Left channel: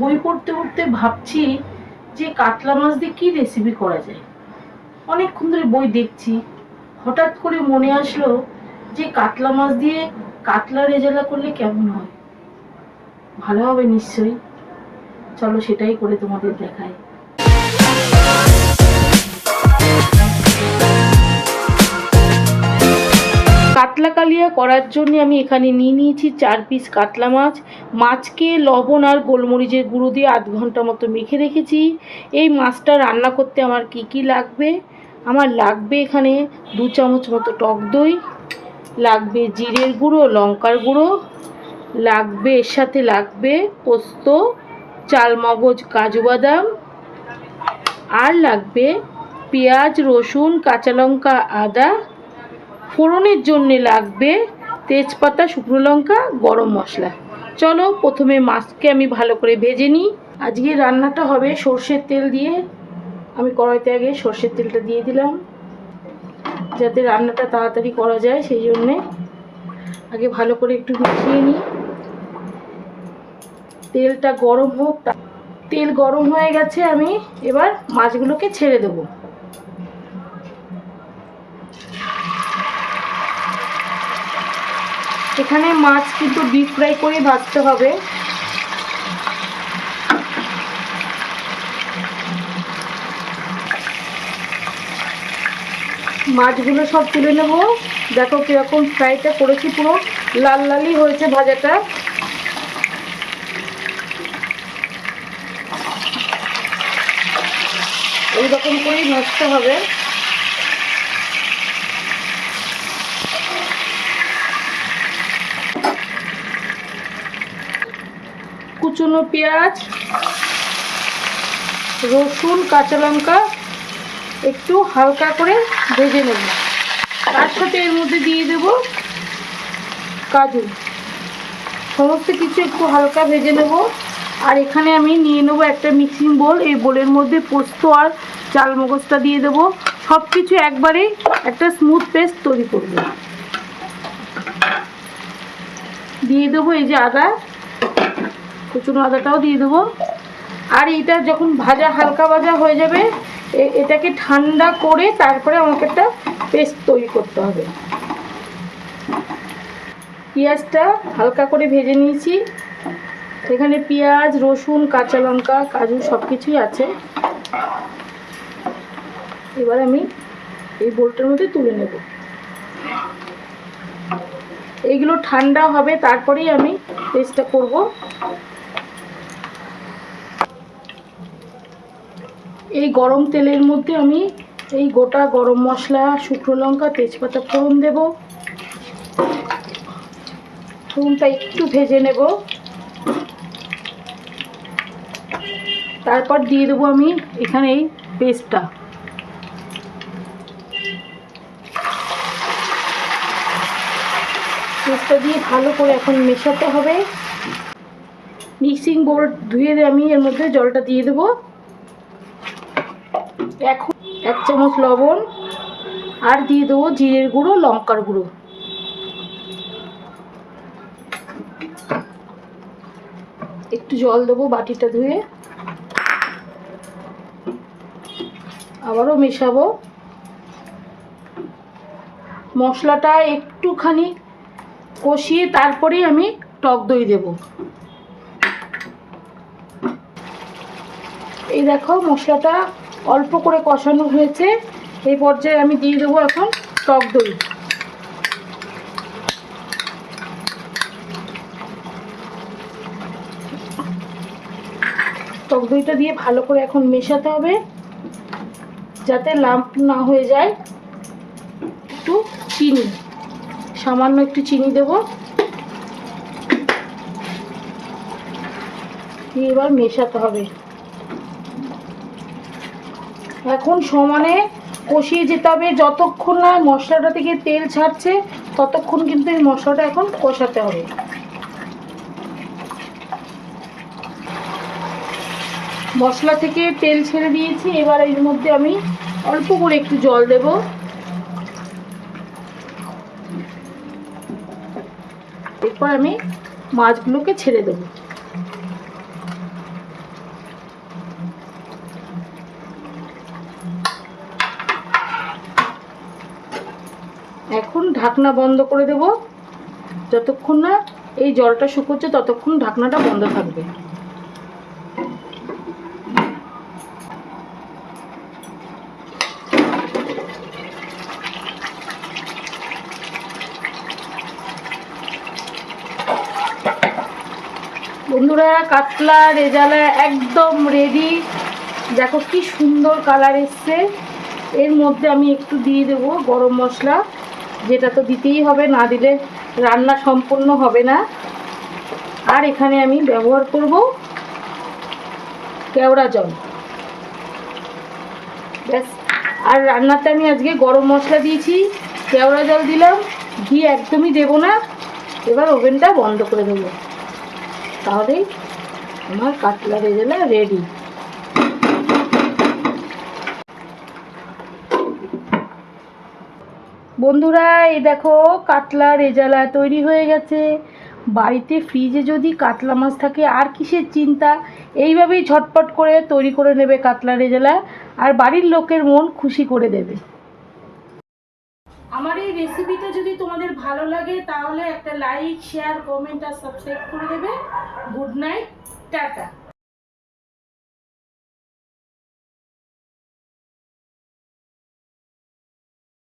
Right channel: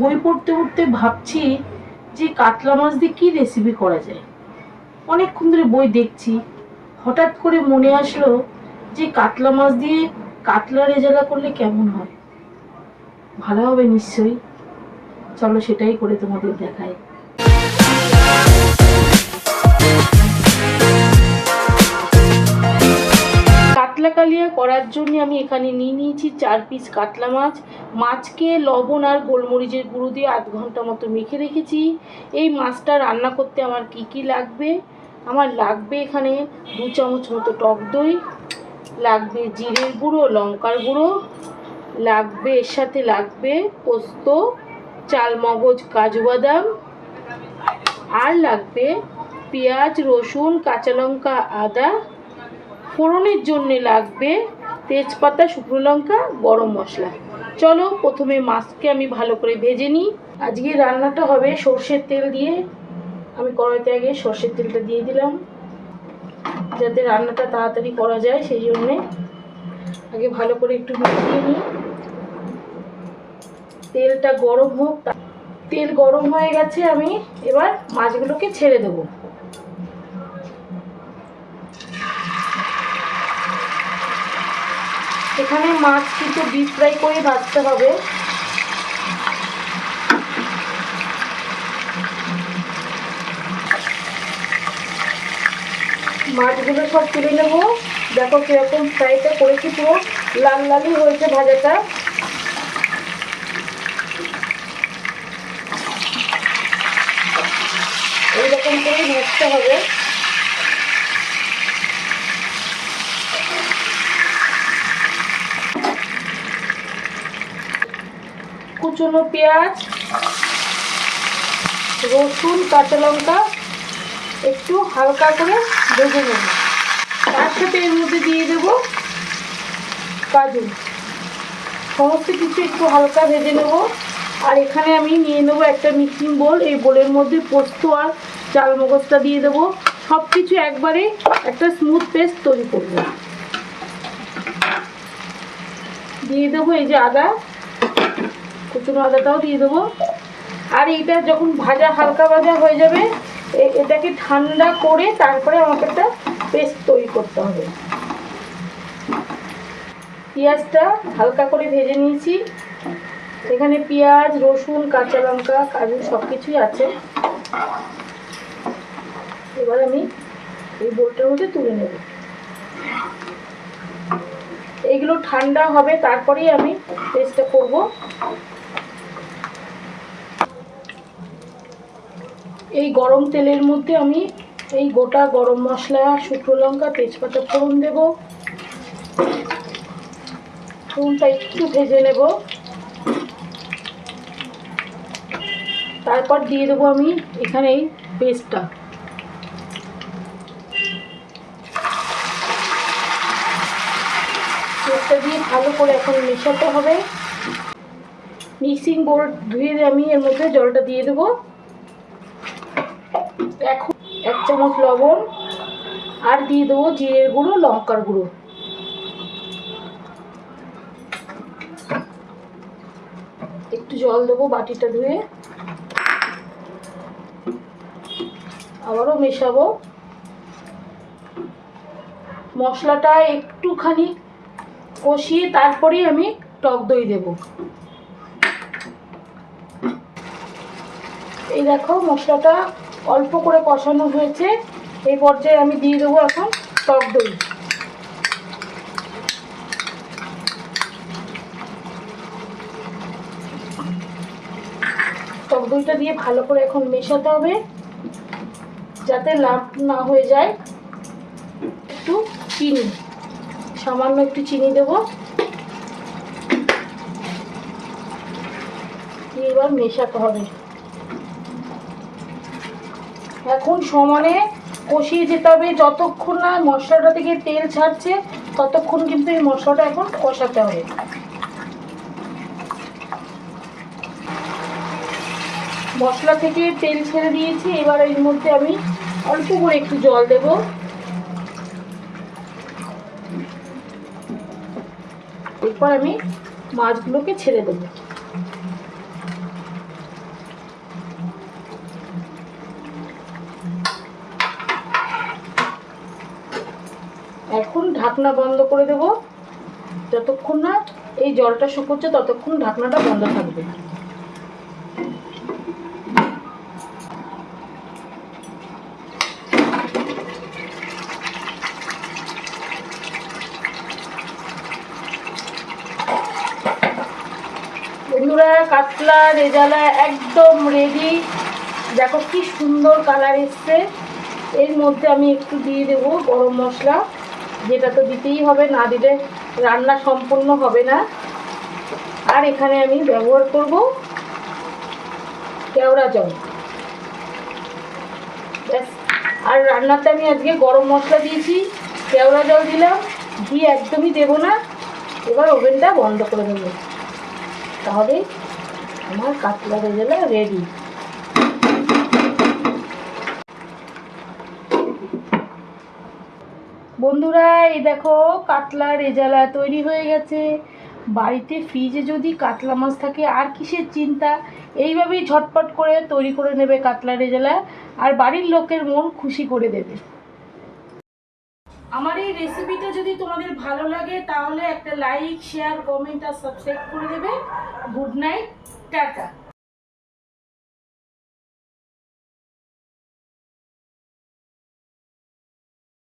বই পড়তে পড়তে ভাবছি যে কাতলা মাছ দিয়ে কি রেসিপি করা যায়। অনেকক্ষণ ধরে বই দেখছি, হঠাৎ করে মনে আসলো যে কাতলা মাছ দিয়ে কাতলা রেজালা করলে কেমন হয়। ভালো হবে নিশ্চয়ই। চলো সেটাই করে তোমাদের দেখাই। কাতলা কালিয়া করার জন্য আমি এখানে নিয়ে নিয়েছি 4 পিস কাতলা মাছ। মাছকে লবণ আর গোলমরিচের গুঁড়ো দিয়ে 8 ঘন্টা মতো মেখে রেখেছি। এই মাছটা রান্না করতে আমার কি কি লাগবে, আমার লাগবে এখানে 2 চামচ মতো টক দই, লাগবে জিরের গুঁড়ো, লঙ্কার গুঁড়ো, লাগবে এর সাথে লাগবে পোস্ত, চালমগজ, কাজু বাদাম, আর লাগবে পেঁয়াজ, রসুন, কাঁচা লঙ্কা, আদা। ফোড়নের জন্য লাগবে তেজপাতা, শুকনো লঙ্কা, গরম মশলা। চলো প্রথমে মাছকে আমি ভালো করে ভেজে নিই। আজকে রান্নাটা হবে সর্ষের তেল দিয়ে। আমি কড়াইতে আগে সর্ষের তেলটা দিয়ে দিলাম, যাতে রান্নাটা তাড়াতাড়ি করা যায়, সেই জন্যে আগে ভালো করে একটু মিশিয়ে নিই। তেলটা গরম হোক। তেল গরম হয়ে গেছে, আমি এবার মাছগুলোকে ছেড়ে দেবো। এখানে মাছ কিন্তু ডিপ ফ্রাই করে ভাজতে হবে। মাছগুলো সব তুলে নেব। দেখো কিরকম ফ্রাইটা করেছি, পুরো লাল লালই হয়েছে ভাজাটা। এইরকম করেই ভাজতে হবে। কুচনো পেঁয়াজ, রসুন, কাঁচা লঙ্কা একটু হালকা করে ভেজে নেব। তার সাথে এর মধ্যে দিয়ে দেব কাজু। সমস্ত কিছু একটু হালকা ভেজে নেব। আর এখানে আমি নিয়ে নেব একটা মিক্সিং বোল। এই বোলের মধ্যে পোস্ত আর চালমগজটা দিয়ে দেবো। সব কিছু একবারে একটা স্মুথ পেস্ট তৈরি করব। দিয়ে দেবো এই যে আদা, কুচনো আদাটাও দিয়ে দেবো। আর এইটা যখন ভাজা হালকা ভাজা হয়ে যাবে, এটাকে ঠান্ডা করে তারপরে আমাকে একটা পেস্ট তৈরি করতে হবে। পেঁয়াজটা হালকা করে ভেজে নিয়েছি। এখানে পেঁয়াজ, রসুন, কাঁচা লঙ্কা, কাজু সব কিছুই আছে। এবার আমি এই বোলটার মধ্যে তুলে নেব। এইগুলো ঠান্ডা হবে, তারপরেই আমি পেস্টটা করব। এই গরম তেলের মধ্যে আমি এই গোটা গরম মশলা, শুকনো লঙ্কা, তেজপাতা ফোড়ন দেব। ফোড়নটা একটু ভেজে নেব। তারপর দিয়ে দেবো আমি এখানে এই পেস্টটা। পেস্টটা দিয়ে ভালো করে এখন মেশাতে হবে। মিক্সিং বোল ধুয়ে আমি এর মধ্যে জলটা দিয়ে দেবো। এখন 1 চামচ লবণ, আর দিয়ে দেবো জিরের গুঁড়ো, লঙ্কার গুঁড়ো। একটু জল দেবো বাটিটা ধুয়ে। আবারও মেশাবো। মশলাটা একটুখানি কষিয়ে তারপরেই আমি টক দই দেব। এই দেখো মশলাটা অল্প করে কষানো হয়েছে। এই পর্যায়ে আমি দিয়ে দেবো এখন টক দই। টক দইটা দিয়ে ভালো করে এখন মেশাতে হবে, যাতে লাম্প না হয়ে যায়। একটু চিনি, সামান্য একটু চিনি দেবো। দিয়ে এবার মেশাতে হবে। এখন সমানে কষিয়ে যেতে হবে। যতক্ষণ না মশলাটা থেকে তেল ছাড়ছে ততক্ষণ কিন্তু এই মশলাটা এখন কষাতে হবে। মশলা থেকে তেল ছেড়ে দিয়েছি। এবার এর মধ্যে আমি অল্প করে একটু জল দেব। এরপর আমি মাছগুলোকে ছেড়ে দেব। ঢাকনা বন্ধ করে দেব। যতক্ষণ না এই জলটা শুকোচ্ছে ততক্ষণ ঢাকনাটা বন্ধ থাকবে। বন্ধুরা, কাতলা রেজালা একদম রেডি। দেখো কি সুন্দর কালার এসছে। এর মধ্যে আমি একটু দিয়ে দেব গরম মশলা, যেটা তো দিতেই হবে, না দিলে রান্না সম্পূর্ণ হবে না। আর এখানে আমি ব্যবহার করব কেওড়া জল। ব্যাস। আর রান্নাতে আমি আজকে গরম মশলা দিয়েছি, কেওড়া জল দিলাম, ঘি একদমই দেব না। এবার ওভেনটা বন্ধ করে দেবো, তাহলেই আমার কাতলা রেজালা রেডি। বন্ধুরা, এই দেখো কাতলা রেজালা তৈরি হয়ে গেছে। বাড়িতে ফ্রিজে যদি কাতলা মাছ থাকে আর কিসের চিন্তা, এইভাবেই ঝটপট করে তৈরি করে নেবে কাতলা রেজালা, আর বাড়ির লোকের মন খুশি করে দেবে। আমার এই রেসিপিটা যদি তোমাদের ভালো লাগে তাহলে একটা লাইক, শেয়ার, কমেন্ট আর সাবস্ক্রাইব করে দেবে। Good night, tata.